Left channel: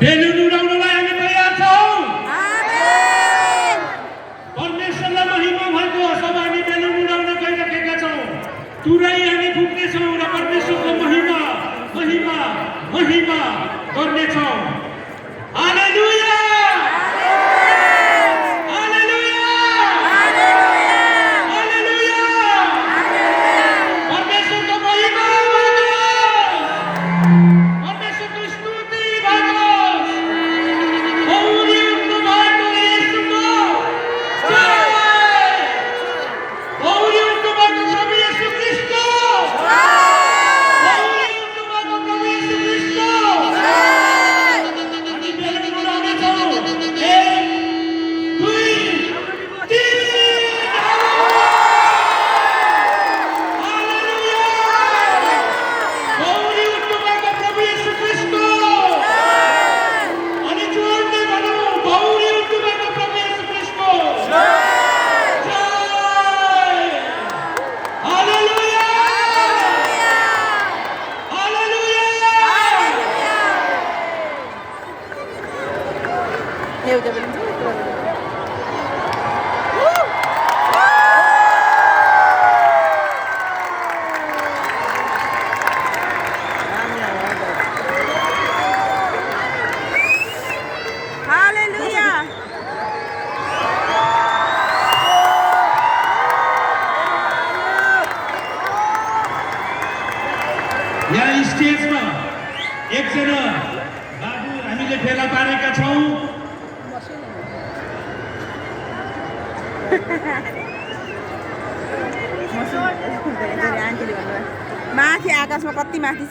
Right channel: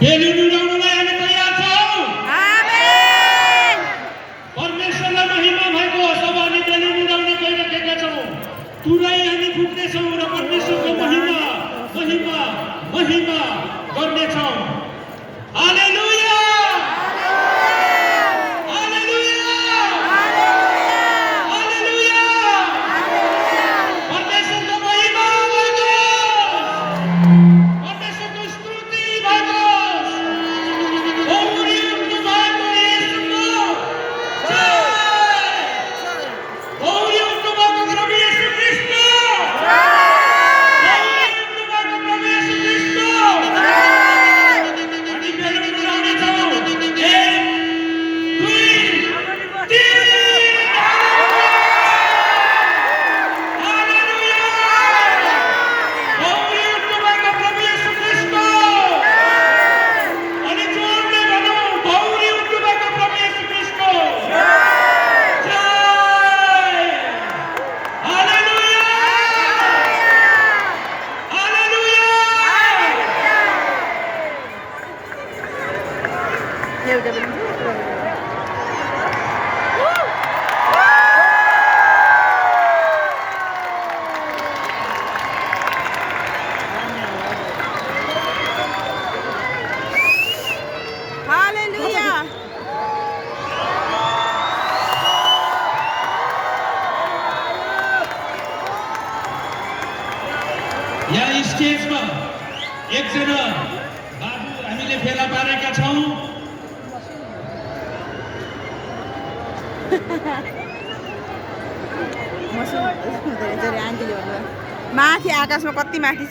बेलुन उडाउनलाई हामी तयार छौँ। आमेन। परमेश्वरलाई महिमा भएको होस्। अब हामी बेलुन उडाउन गइरहेका छौँ। तुरै हामी फुक्नेछौँ र परमेश्वरको महिमा महिमा महिमा गर्नेछौँ। Hallelujah hallelujah hallelujah. परमेश्वरको महिमा परमेश्वरको स्तुति भगोस्। गौरी उठ्नु भएको येशूको जय। गौरी उठ्नु भएको प्रभु येशू ख्रीष्ट। गौरी उठ्नु भएको प्रभु येशू ख्रीष्ट। हामी बेलुन उडाउनेछौँ। 1 2 3 हालेलुया। गौरी उठ्नु भएको प्रभु येशू ख्रीष्ट। अनि जोडले भनौँ, गौरी उठ्नु भएको प्रभु येशू ख्रीष्ट। जय। Hallelujah hallelujah. एउटा बेलुन छ, यत्रो बेलुन। हालेलुया। यहाँ स्टेजमा एकजना बाबु हामीले फेला पारेका छौँ। आन्टीले भन्नुभयो माथि आकाशमा कति माथि छ।